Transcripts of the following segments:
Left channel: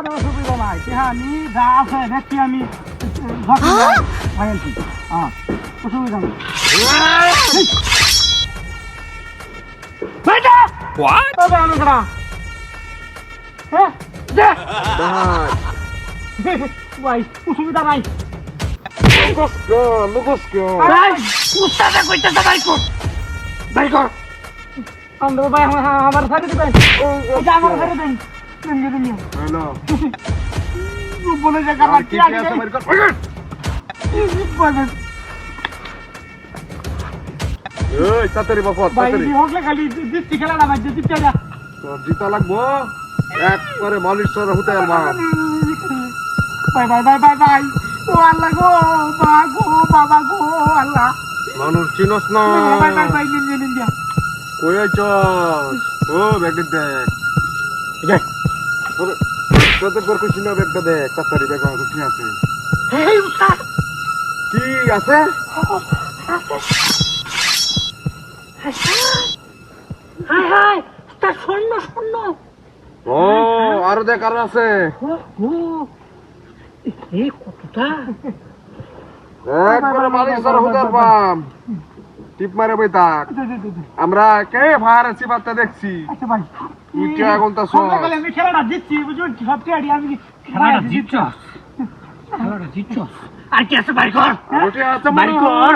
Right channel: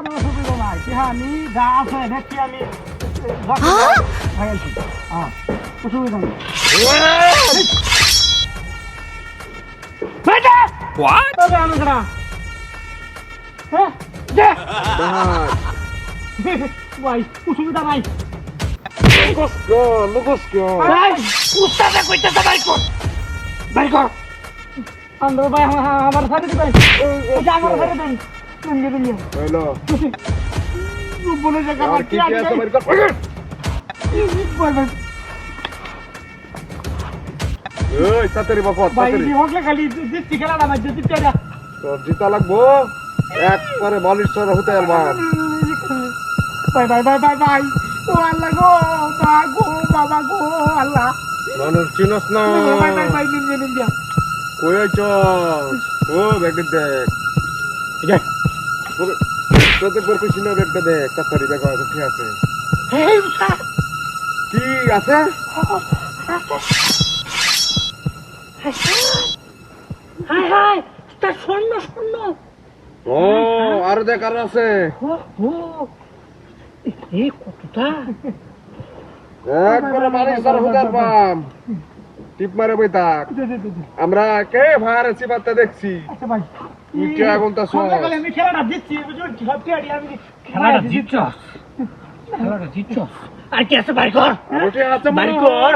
অসুবিধা নাই আমি যা আছে দেখছি আমি অসুবিধা নেই What? ভাই অসুবিধা নাই ভাই আমার সাথে দিবেন আমার সাথে দেন বলে জায়গা তাড়াতাড়ি বকত ভাই তাড়াতাড়ি হোক না খালি জিততে খেলা না ভাই জিততে না জিতা লাগবো একবারে মালিশ সরা হতে পারবা ভাই ভাই ভাই ভাই ভাই ও আল্লাহ গো মা গো বাবা গো আল্লাহ মানুষ চিনস না ভাই ভাই ভাই নিন নিন দিয়া কই আইছস ও ব্যাগটা দেখ ঠিক আছে তোদের পর কিছু না ব্যাগটা দেখ তাড়াতাড়ি ব্যাগ আছে কি আছে এই উস্তাদ কি আছে হাই হাই তার স্বর্ণ স্বর্ণ ও আরো দেখ আরো আছে ও এই কতটা একবারে মালিশ সরা হতে পারবা টিপ মারে বই থাক আমরা কে ভারে চিবাতে দেখছি আচ্ছা ভাই তুই কে আগুন তা সব আমি খেলাটা জিতছি বুঝলি সবচেয়ে আগে আমি খেলাটা জিতছস খেলাটা জিতছস আর কি আছে ভাই কর ওটা আছে বাড়ি কর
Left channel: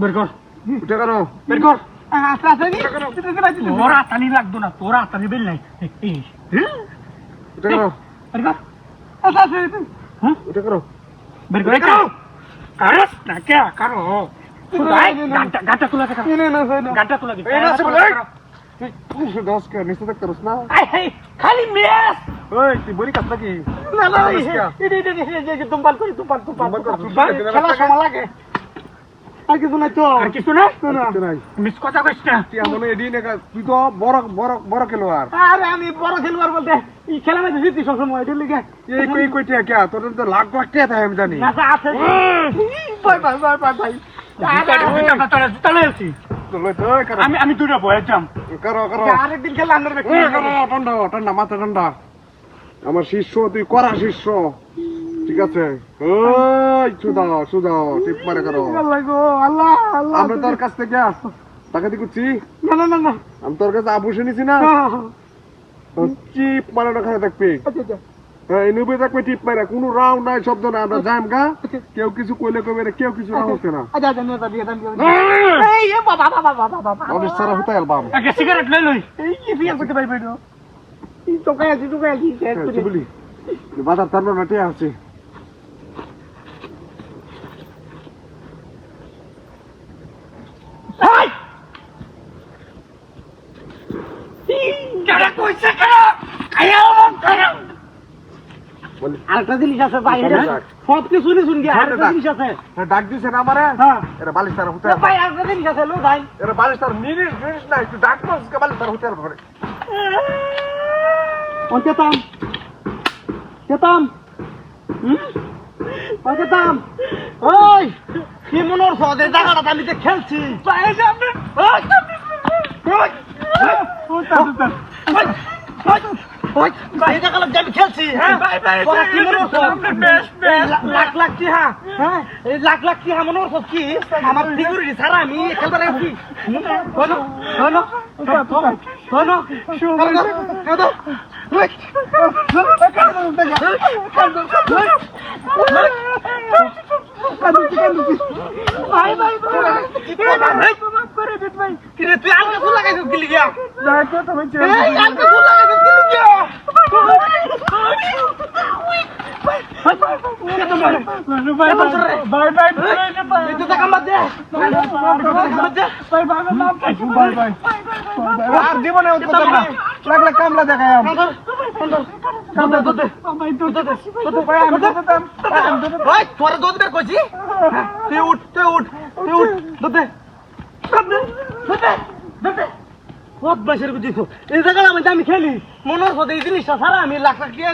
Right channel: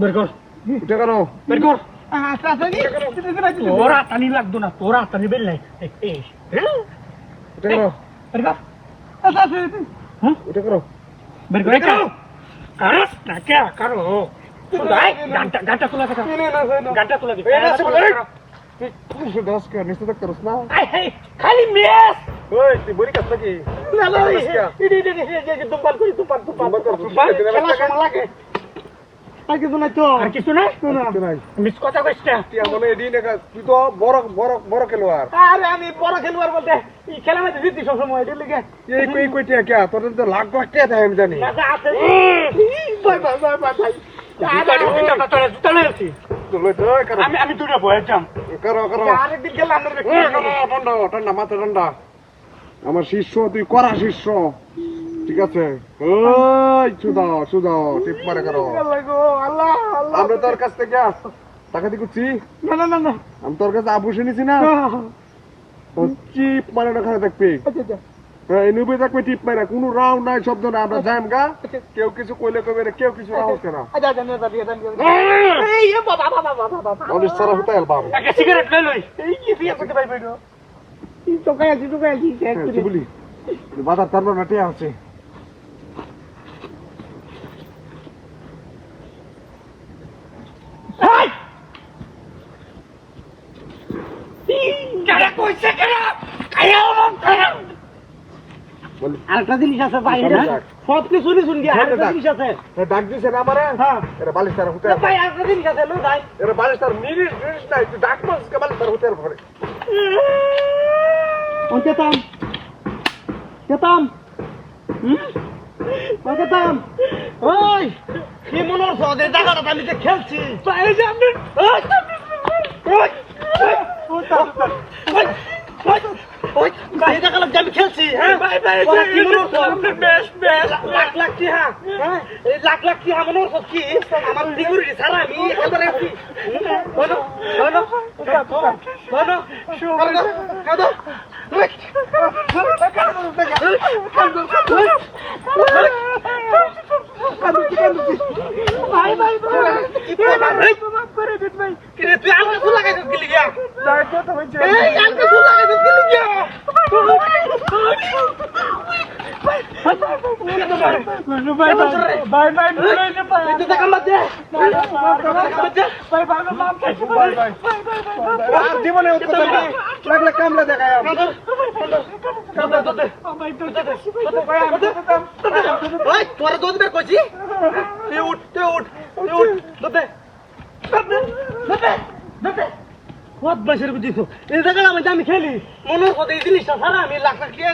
বের কর ওটা করো বের কর আচ্ছা আচ্ছা তোর আতানি লাগতো না তোর আতানি বেল নাই এই ওটা করো বের কর আচ্ছা আচ্ছা ওটা করো বের কর আরে নাকে করো ভাই গাটা তুলে দে গাটা তুলে দে তুই দশ কে নিচে দেখ করস না খালি মেস ওই তুই বড়ি কাছ নাকি না না এই তুমপাল করি তুমপাল খেলা সময় লাগে আর কিছু নাই তো আর কিছু না মিস কথা কইছ না তুই আমনে এডি না তুই তো বড় বড় বড় খেলোয়াড় আরে আমি বড় খেলোয়াড় বলতে এই খেলা মধ্যে জিতি সব সময় এর লাগি এই কই টিয়া কে তোর তো লাখ লাখ টিয়া থাকে আমি জানি না আছে ভাই ভাই ভাই ভাই আমি দুটো বয়ে যাম করো করো আরেকদিন খেলা আন্দার ঠান্ডা ঠান্ডা মাথা ঠান্ডা আমার শিষ্য তুই করা শিষ্য ঠিক আছে ওই সুদা টিপ মারে করো আল্লাহ গো আল্লাহ আল্লাহ আমরা তোর কাছ থেকে টাকা দিয়ে করছি না না না না আমি তোর কাছে আবুসে নিছি না টিপ মারে ওখানে দেখবি এই নিবে দেখবে টিপ মারে কোনো রাউন্ড নাই শব্দ না আমরা যাইম গা কেউ কিছু কইলে কইবে না কেউ কিছু রাউন্ড করে না আচ্ছা আচ্ছা না দিয়ে দেন এই বাবা বাবা বাবা বাবা অনিস সারা হতে অ্যালবাম একটা সিগারেট লই লই এই কি বিয়া করতে পাই বেডো এই তো কাজ তুই বলি বাজার তার না টিয়া আছে হাই কেডা কইছে কেডা আয়া বলি আরেকটা জিনিস আছে বাইরে সব কিছু শুন গিয়া আরেকটা জিনিস আছে ডাক দিছে না আমারে হ্যাঁ এরা বালিশ তার হতে ভাই আরেকটা জিনিস আছে লো ভাই এরা বালিশ তার নিরিশ নাই তুই ডাক মাস কে বালিশ তার হতে পারে অন্তেতাম কেতাম কেতাম ওই কি মনোর সদে জায়গাটা আমি তো খেলছি ভাই যাবে খেলছি হ্যাঁ লাখ লাখ কি হ্যাঁ এই লাখ লাখ কি মনে হচ্ছে আমার সিকিউরিটি ছাড়া আমি ভাই ভাই তুই আলগা ফুল লাগাইছিস কি লিগা আলগা ফুল লাগাইছিস কি লিগা কামলা দেখায় তোরা দুধ বের করছি তুই উঠ খুব বেশি বুঝিস এই জায়গায় আমি খেলি মনের সাথে এই জিনিসটা ছাড়া আমি লাখ লাখ দিয়ে